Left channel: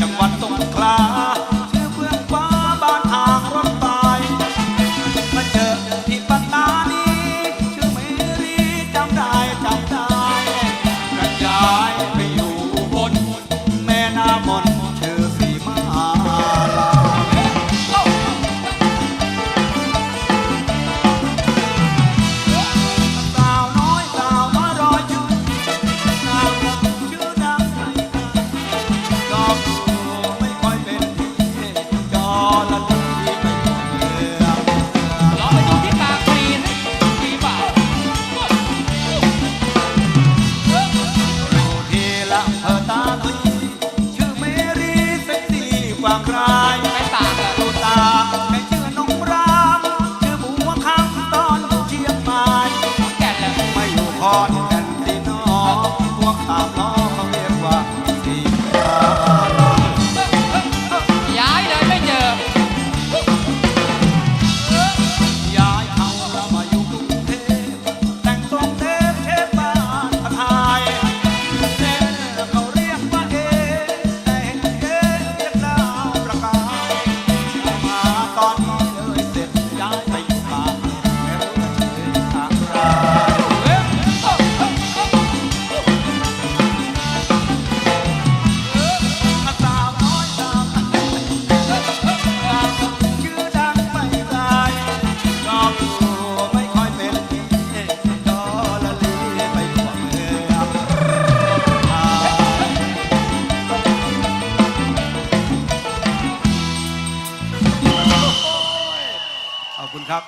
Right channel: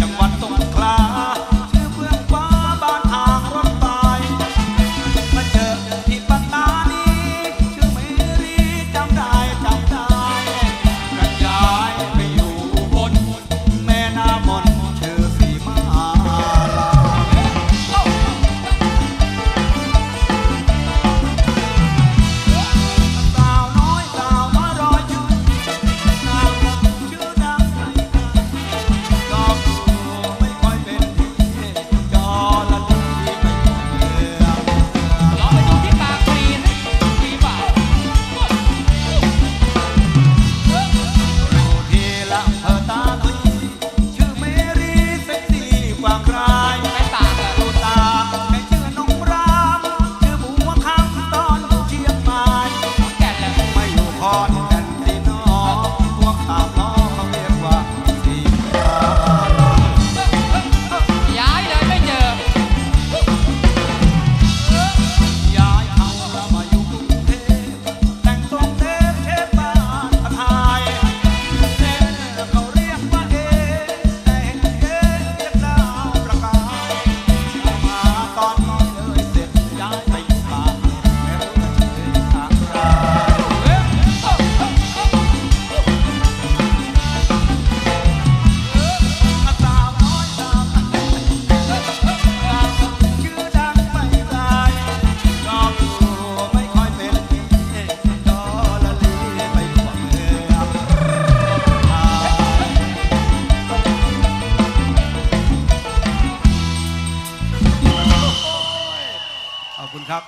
จังหวัดสงขลา อนแผ่นดินน้องพวกเขา ครับ